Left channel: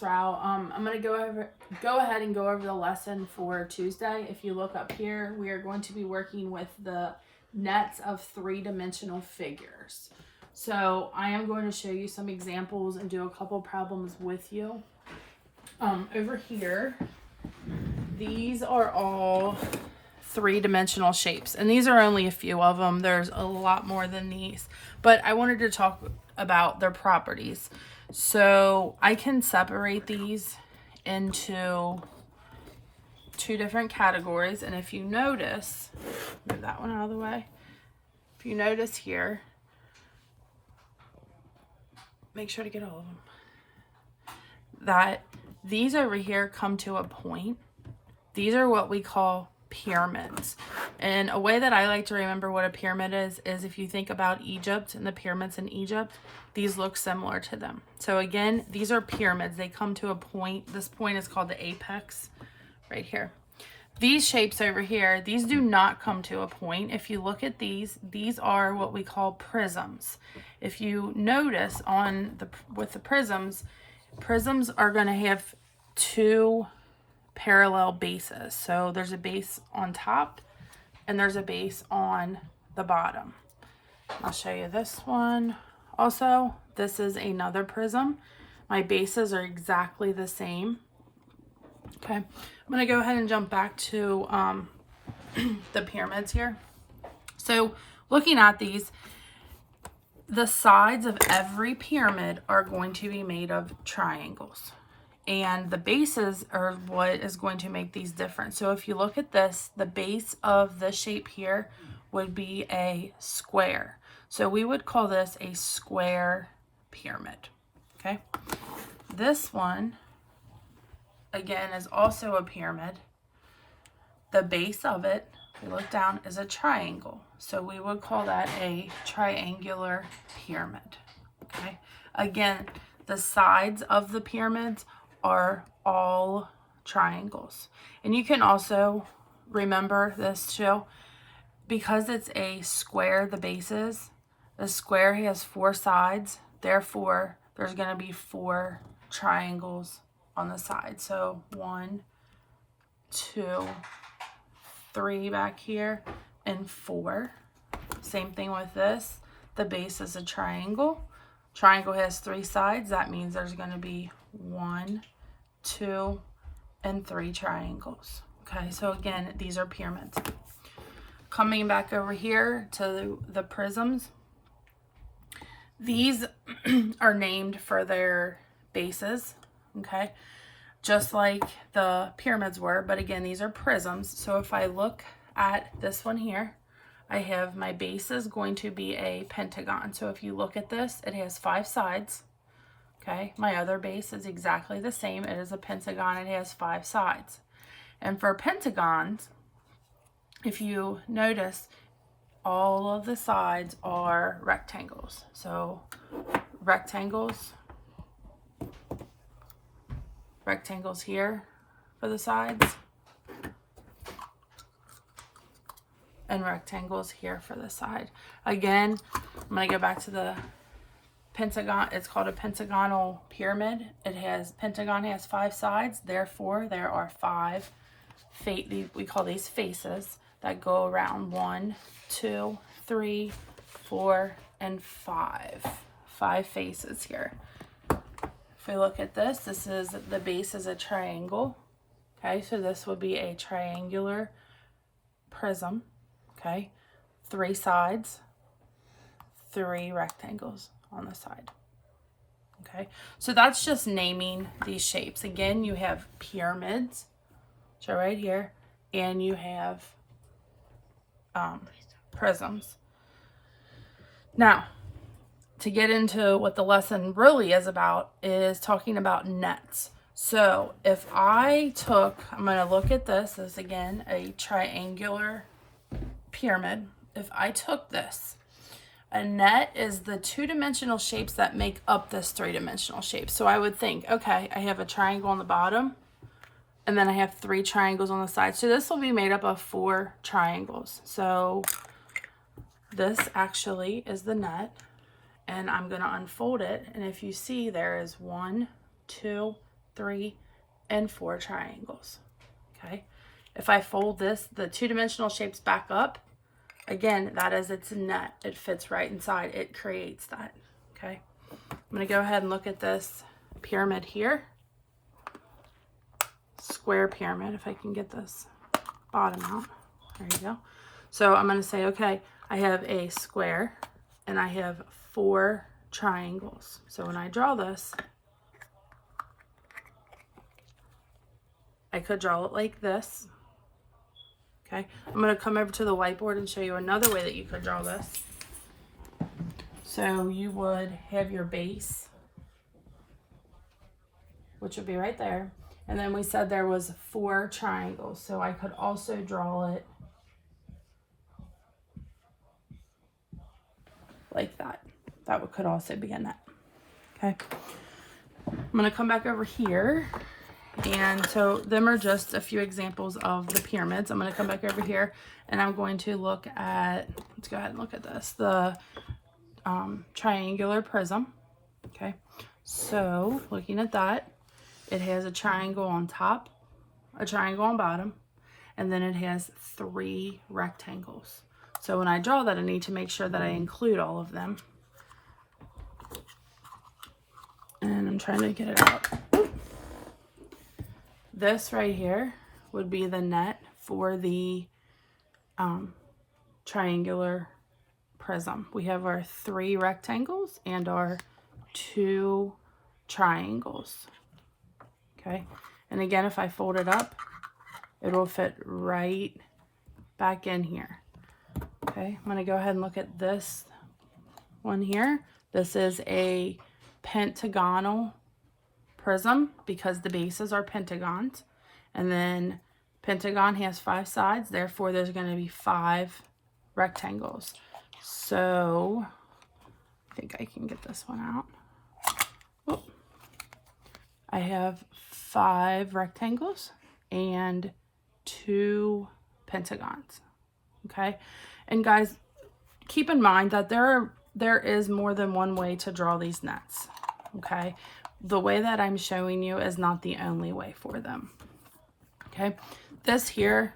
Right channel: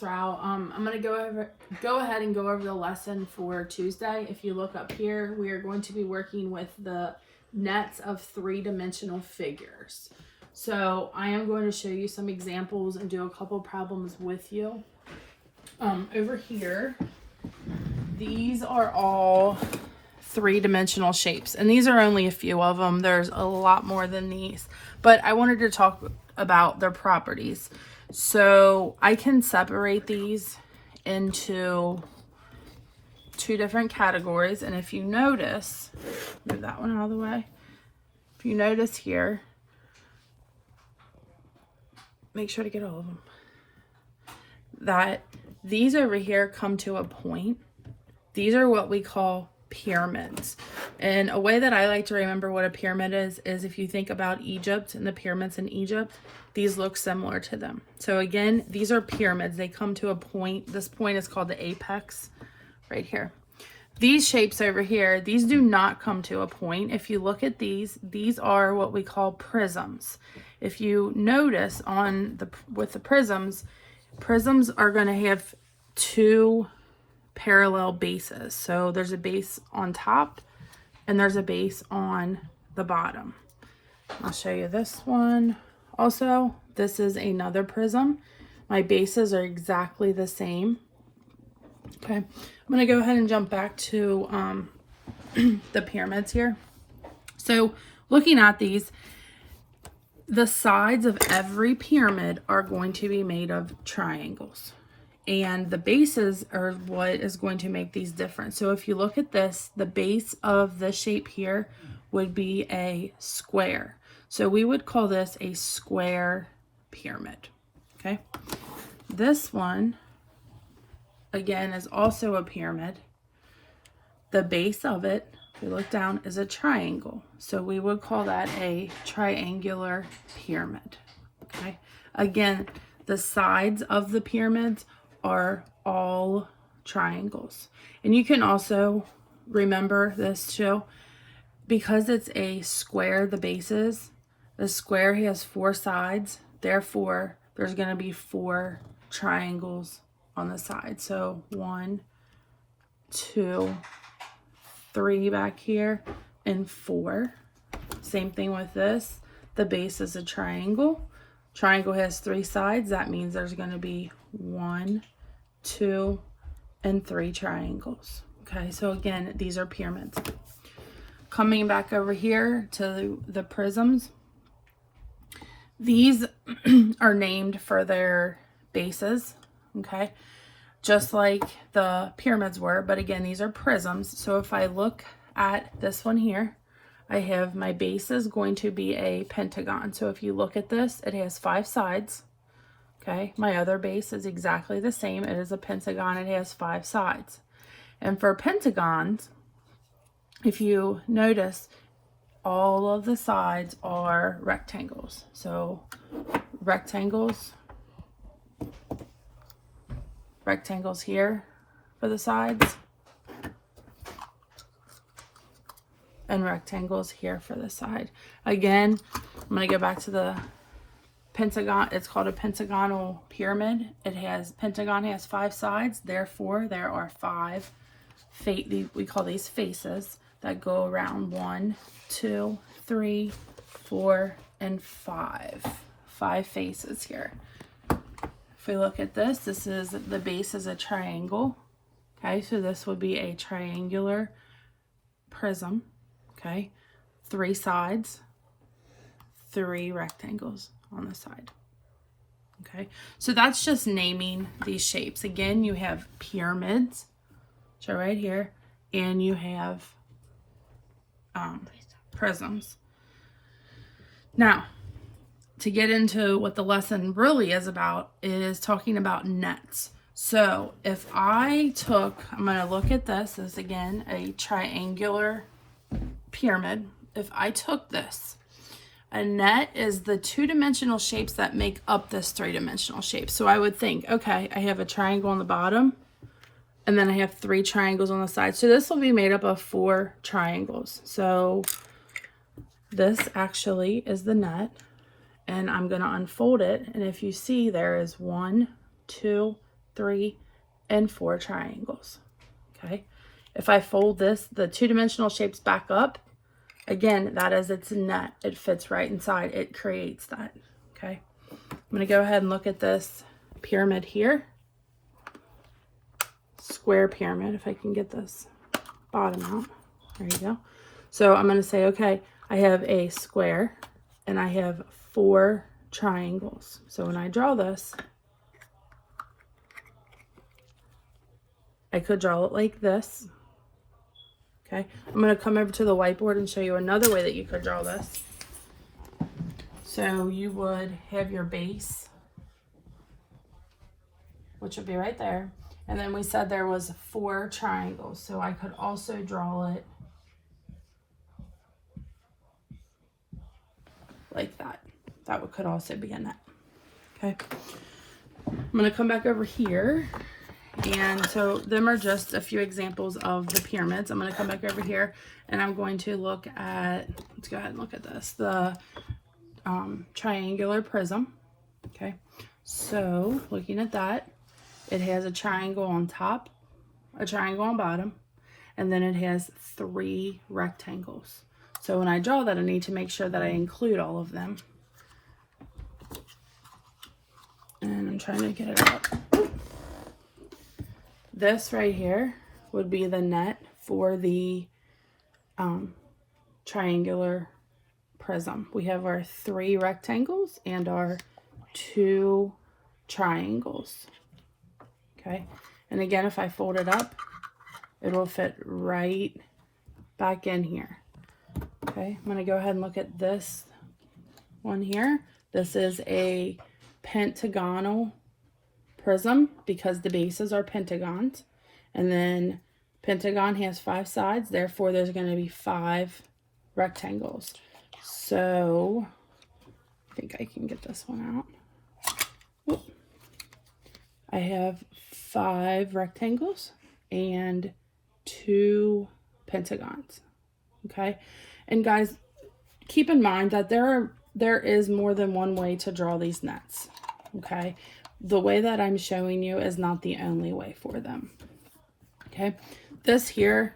route. I'm going to go ahead and go over the lesson for Tuesday. If you look up here, we are going to be working with the nets of three-dimensional figures. So I am going to show you some examples and do a couple problems with you. Over here, these are all three-dimensional shapes, and these are only a few of them. There's a lot more than these, but I wanted to talk about their properties. So I can separate these into two different categories, and if you notice, move that one out of the way. If you notice here, make sure to get all of them, that these over here come to a point. These are what we call pyramids. And a way that I like to remember what a pyramid is if you think about Egypt and the pyramids in Egypt, these look similar to them. So again, these are pyramids. They come to a point. This point is called the apex right here. These shapes over here, these do not come to a point. If you look at these are what we call prisms. If you notice with the prisms are going to have two parallel bases. So there's a base on top and there's a base on the bottom. I'll show you this one. Also, this is another prism. My bases are exactly the same. Okay, I'm going to go ahead and jump back to the pyramids here. So looking at these, the sides of every pyramid are going to be made of triangles. And the bases are what is going to make these different. So if you look at this, the base of this shape here would be a square. So we would call this a square pyramid, okay? This one, again, is also a pyramid. The base of it, if you look down, is a triangle. So we would call that a triangular pyramid, okay? Again, the sides of the pyramids are all triangles. And you can also remember this too, because it's a square, the bases, the square has four sides, therefore there's going to be four triangles on the side. So 1, 2, 3 back here, and 4. Same thing with this. The base is a triangle. Triangle has 3 sides. That means there's going to be 1, 2, and 3 triangles. Okay, so again, these are pyramids. Coming back over here to the prisms, these are named for their bases, okay, just like the pyramids were, but again, these are prisms. So if I look at this one here, I have my base is going to be a pentagon. So if you look at this, it has 5 sides. Okay, my other base is exactly the same. It is a pentagon. It has 5 sides. And for pentagons, if you notice, all of the sides are rectangles. So rectangles here for the sides, and rectangles here for the side. Again, I'm going to go back to the pentagon. It's called a pentagonal pyramid. Pentagon has 5 sides, therefore there are 5 we call these faces that go around. 1, 2, 3, 4, and 5. 5 faces here. If we look at this, the base is a triangle. Okay, so this would be a triangular prism. Okay, 3 sides, 3 rectangles on the side. Okay, so that's just naming these shapes. Again, you have pyramids, so right here, and you have prisms. Now, to get into what the lesson really is about, is talking about nets. So if I'm going to look at this as, again, a triangular pyramid. If I took this, a net is the 2-dimensional shapes that make up this 3-dimensional shape. So I would think, okay, I have a triangle on the bottom, and then I have 3 triangles on the side. So this will be made up of 4 triangles. So this actually is the net, and I'm going to unfold it. And if you see, there is 1, 2, 3, and 4 triangles. Okay. If I fold this, the two-dimensional shapes back up, again, that is its net. It fits right inside. It creates that. Okay. I'm going to go ahead and look at this pyramid here. Square pyramid, if I can get this bottom out. There you go. So I'm going to say, okay, I have a square and I have 4 triangles. So when I draw this, I could draw it like this. Okay, I'm going to come over to the whiteboard and show you another way that you could draw this. So you would have your base, which would be right there. And then we said there was 4 triangles. So I could also draw it like that. That could also be a net. Okay. I'm going to come back over here. And so them are just a few examples of the pyramids. I'm going to come back over here and I'm going to look at, let's go ahead and look at this, the triangular prism. Okay. So looking at that, it has a triangle on top, a triangle on bottom, and then it has 3 rectangles. So when I draw that, I need to make sure that I include all of them. And I'm trying to get it out. This right here would be the net for the triangular prism. We have our 3 rectangles and our 2 triangles. Okay, and again, if I fold it up, it will fit right back in here. Okay, I'm going to go ahead and look at this one here. This is a pentagonal prism because the bases are pentagons, and then pentagon has 5 sides, therefore there's going to be 5 rectangles. So I think I can get this one out. Whoop. I have 5 rectangles and 2 pentagons. Okay, and guys, keep in mind that there is more than one way to draw these nets. Okay, the way that I'm showing you is not the only way for them. Okay, this here,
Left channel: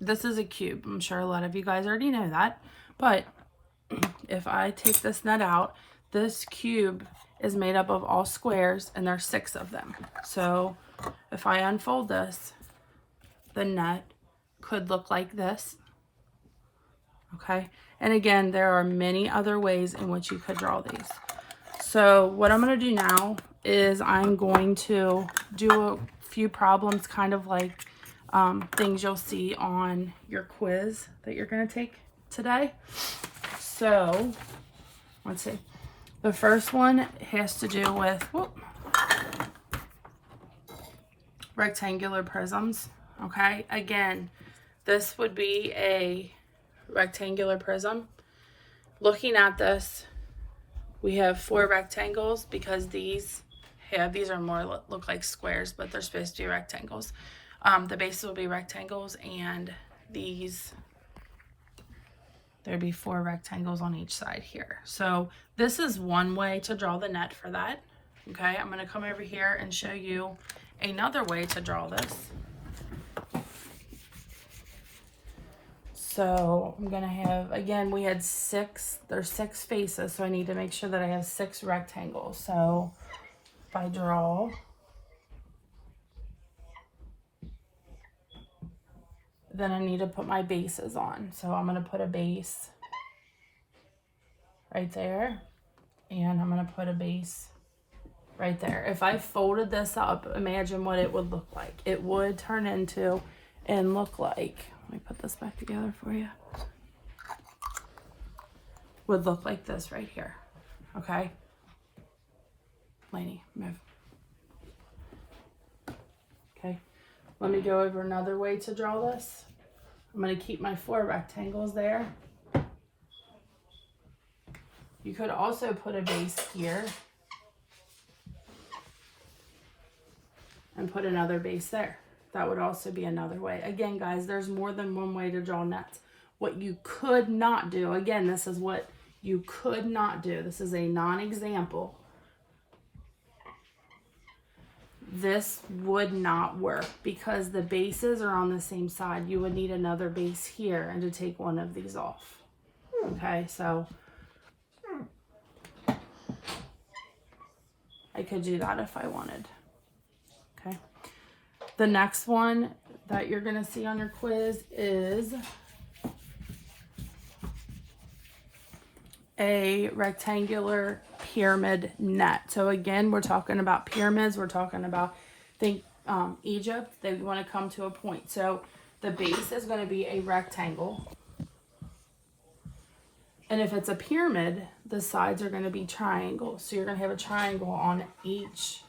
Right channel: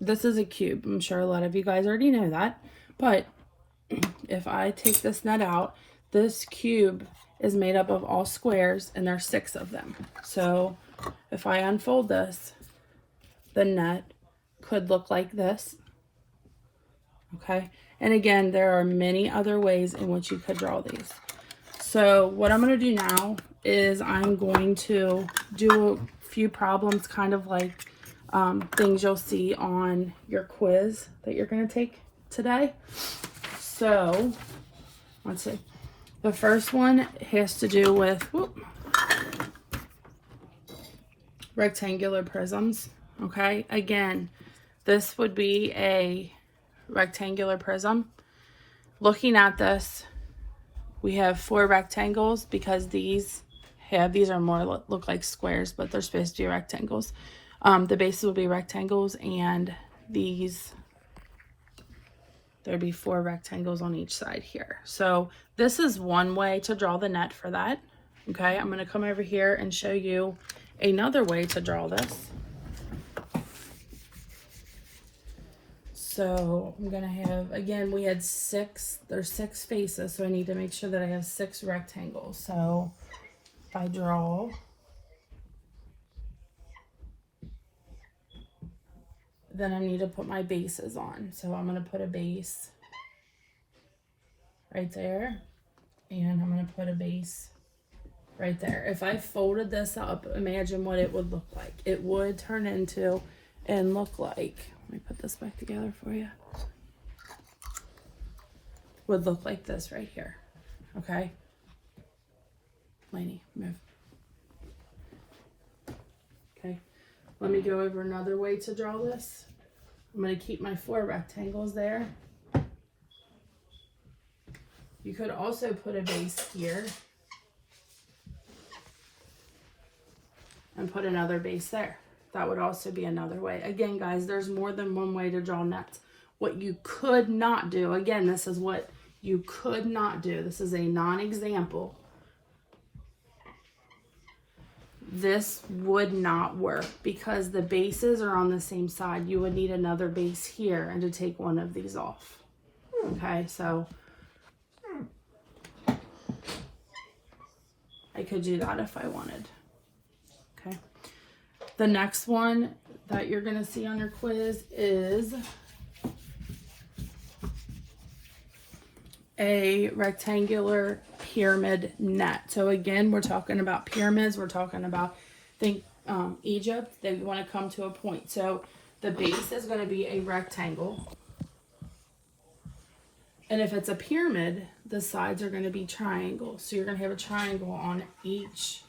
this is a cube. I'm sure a lot of you guys already know that, but if I take this net out, this cube is made up of all squares and there's 6 of them. So if I unfold this, the net could look like this. Okay, and again, there are many other ways in which you could draw these. So what I'm going to do now is I'm going to do a few problems, kind of like things you'll see on your quiz that you're going to take today. So let's see. The first one has to do with rectangular prisms. Okay, again, this would be a rectangular prism. Looking at this, we have 4 rectangles because these are more look like squares, but they're supposed to be rectangles. The bases will be rectangles, and there'd be 4 rectangles on each side here. So this is one way to draw the net for that. Okay, I'm going to come over here and show you another way to draw this. So I'm going to have, again, we had there's 6 faces, so I need to make sure that I have 6 rectangles. So if I draw, then I need to put my bases on. So I'm going to put a base right there, and I'm going to put a base right there. If I folded this up, imagine what it would look like. It would turn into and look like, let me put this back together for you, would look like this right here. Okay, Lainey, move. Okay, let me go over another way to draw this. I'm going to keep my 4 rectangles there. You could also put a base here and put another base there. That would also be another way. Again, guys, there's more than one way to draw nets. What you could not do, again, this is what you could not do. This is a non-example. this would not work because the bases are on the same side. You would need another base here and to take one of these off. Okay, so I could do that if I wanted. Okay. The next one that you're going to see on your quiz is a rectangular pyramid net. So again, we're talking about pyramids. We're talking about, think Egypt. They want to come to a point. So the base is going to be a rectangle. And if it's a pyramid, the sides are going to be triangles. So you're going to have a triangle on each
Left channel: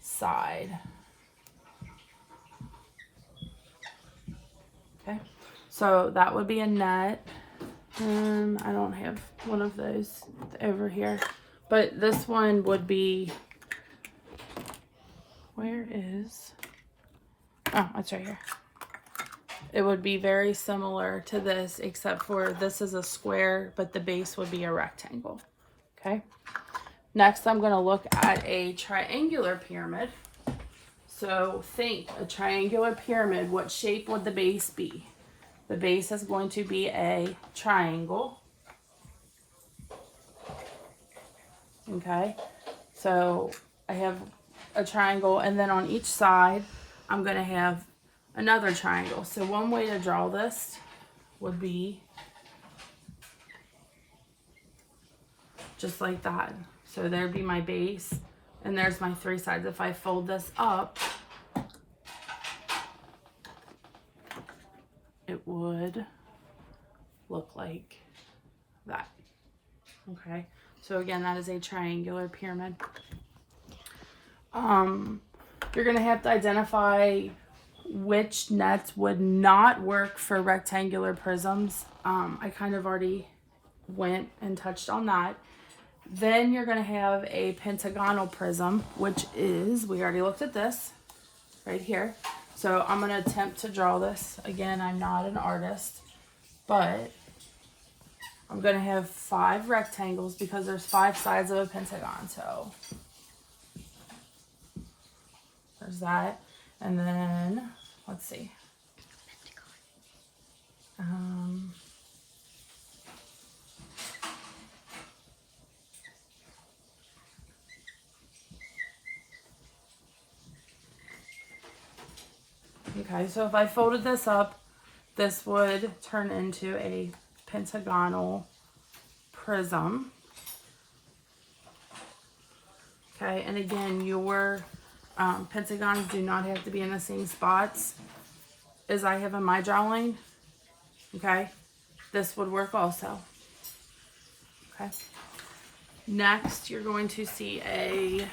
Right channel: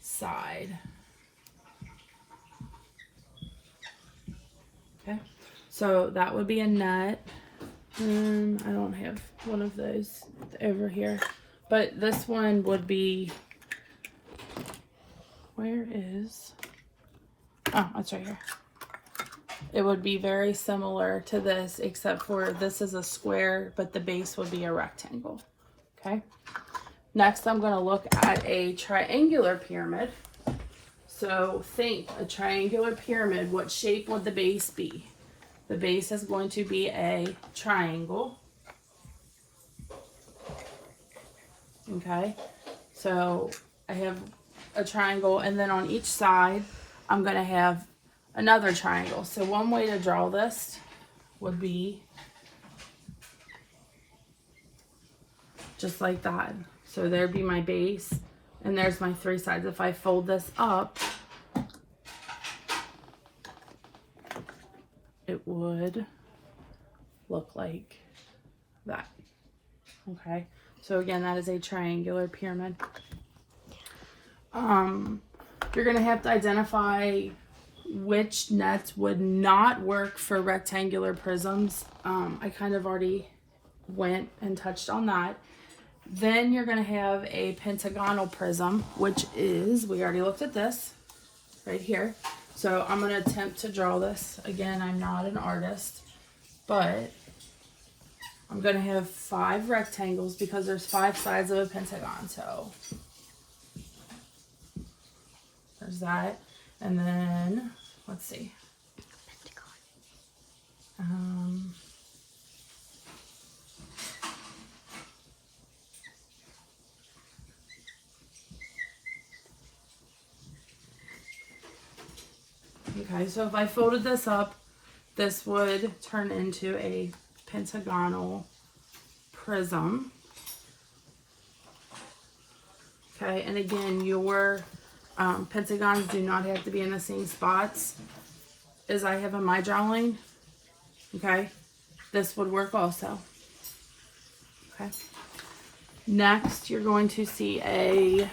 side. Okay, so that would be a net. I don't have one of those over here, but this one would be, where is, oh, it's right here. It would be very similar to this, except for this is a square, but the base would be a rectangle. Okay. Next, I'm going to look at a triangular pyramid. So think a triangular pyramid. What shape would the base be? The base is going to be a triangle. Okay. So I have a triangle, and then on each side, I'm going to have another triangle. So one way to draw this would be just like that. So there'd be my base, and there's my three sides. If I fold this up, it would look like that. Okay, so again, that is a triangular pyramid. You're gonna have to identify which nets would not work for rectangular prisms. I kind of already went and touched on that. Then you're going to have a pentagonal prism, which is, we already looked at this right here. So I'm going to attempt to draw this. Again, I'm not an artist, but I'm going to have 5 rectangles because there's 5 sides of a pentagon. So there's that. And then, let's see. Okay, so if I folded this up, this would turn into a pentagonal prism. Okay, and again, your pentagons do not have to be in the same spots as I have in my drawing. Okay, this would work also. Okay, next you're going to see a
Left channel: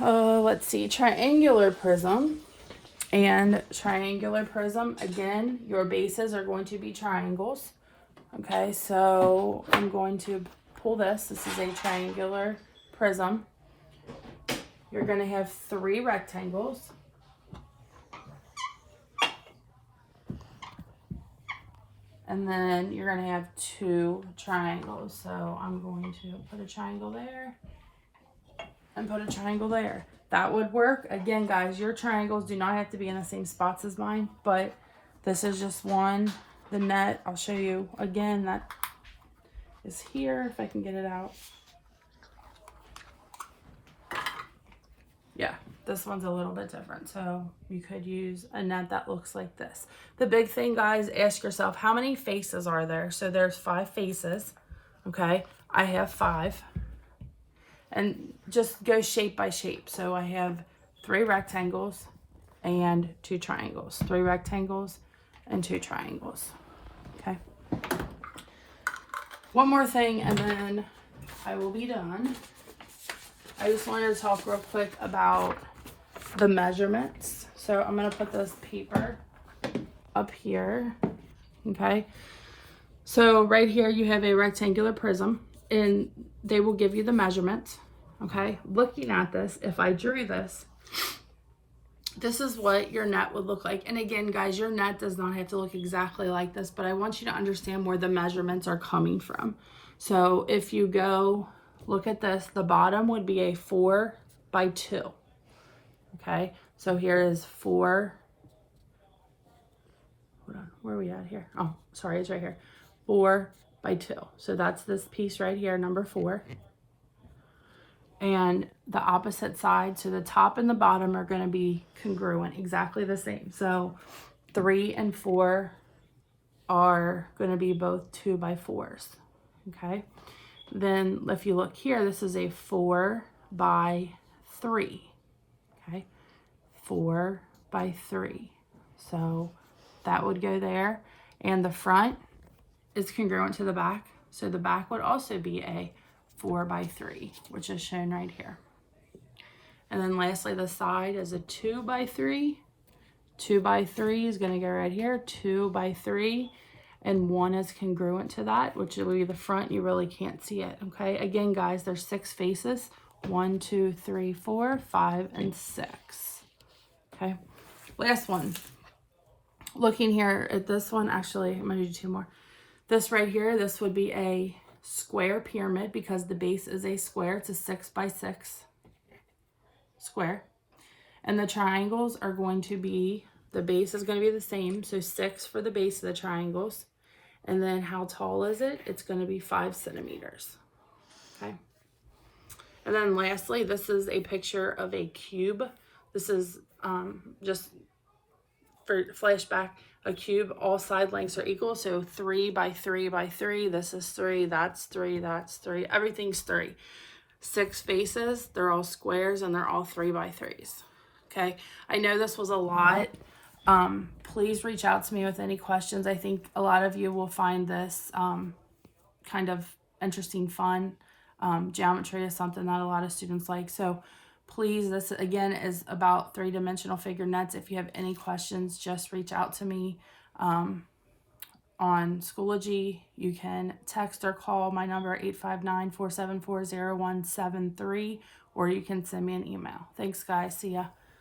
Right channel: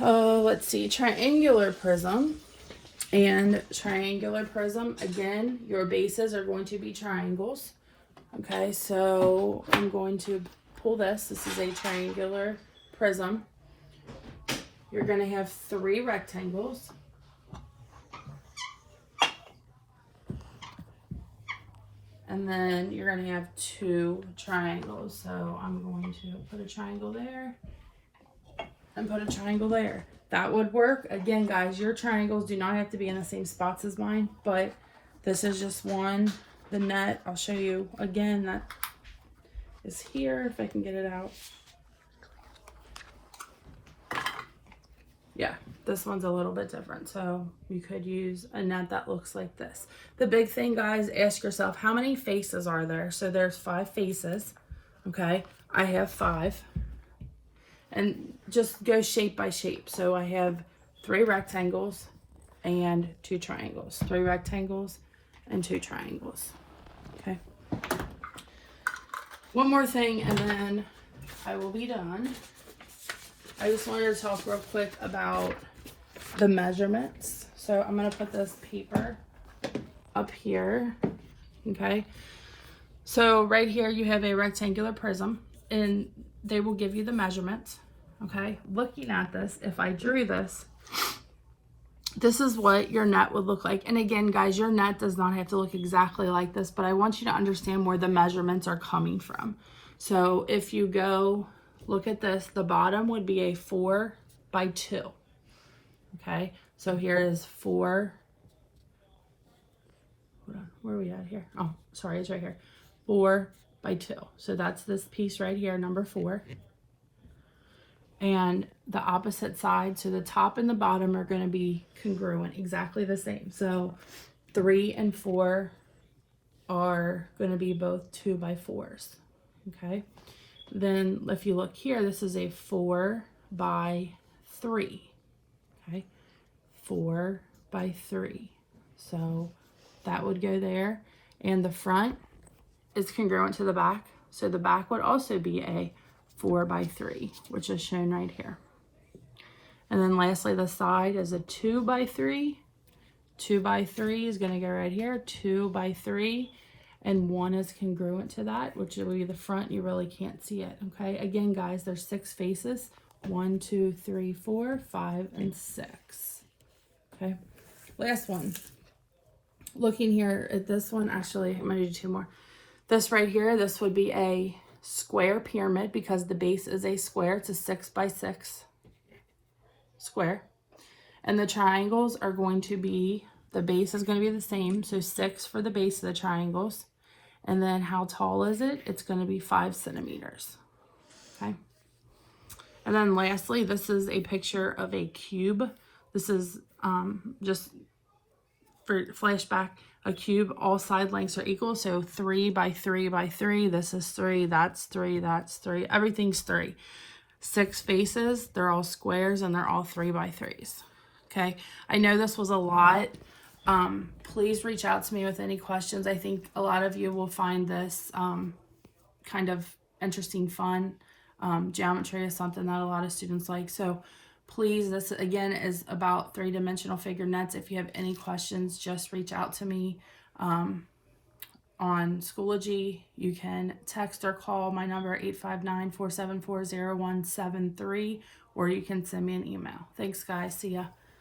let's see, triangular prism. And triangular prism, again, your bases are going to be triangles. Okay, so I'm going to pull this. This is a triangular prism. You're going to have 3 rectangles. And then you're going to have 2 triangles. So I'm going to put a triangle there and put a triangle there. That would work. Again, guys, your triangles do not have to be in the same spots as mine, but this is just one. The net, I'll show you again, that is here, if I can get it out. Yeah, this one's a little bit different, so you could use a net that looks like this. The big thing, guys, ask yourself, how many faces are there? So there's 5 faces, okay? I have 5. And just go shape by shape. So I have 3 rectangles and 2 triangles. 3 rectangles and 2 triangles. Okay. One more thing and then I will be done. I just wanted to talk real quick about the measurements. So I'm going to put this paper up here. Okay. So right here you have a rectangular prism. And they will give you the measurements. Okay, looking at this, if I drew this, this is what your net would look like. And again, guys, your net does not have to look exactly like this, but I want you to understand where the measurements are coming from. So if you go look at this, the bottom would be a 4 by 2. Okay, so here is 4. Hold on, where are we at here? Oh, sorry, it's right here. 4 by 2. So that's this piece right here, number 4. And the opposite side, so the top and the bottom are going to be congruent, exactly the same. So 3 and 4 are going to be both 2 by 4s. Okay, then if you look here, this is a 4 by 3. Okay, 4 by 3. So that would go there, and the front is congruent to the back, so the back would also be a 4 by 3, which is shown right here. And then lastly, the side is a 2 by 3. 2 by 3 is going to go right here, 2 by 3, and 1 is congruent to that, which will be the front. You really can't see it. Okay, again, guys, there's 6 faces. 1, 2, 3, 4, 5, and 6. Okay, last one. Looking here at this one, actually, I'm going to do 2 more. This right here, this would be a square pyramid because the base is a square. It's a 6 by 6 square. And the triangles are going to be, the base is going to be the same. So 6 for the base of the triangles. And then how tall is it? It's going to be 5 centimeters. Okay. And then lastly, this is a picture of a cube. This is just for flashback, a cube, all side lengths are equal. So 3 by 3 by 3. This is 3, that's 3, that's 3. Everything's 3. 6 faces, they're all squares, and they're all 3 by 3s. Okay, I know this was a lot. Please reach out to me with any questions. I think a lot of you will find this kind of interesting, fun. Geometry is something that a lot of students like. So please, this again is about 3-dimensional figurenuts. If you have any questions, just reach out to me on Schoology. You can text or call my number 859-474-0173, or you can send me an email. Thanks, guys. See ya.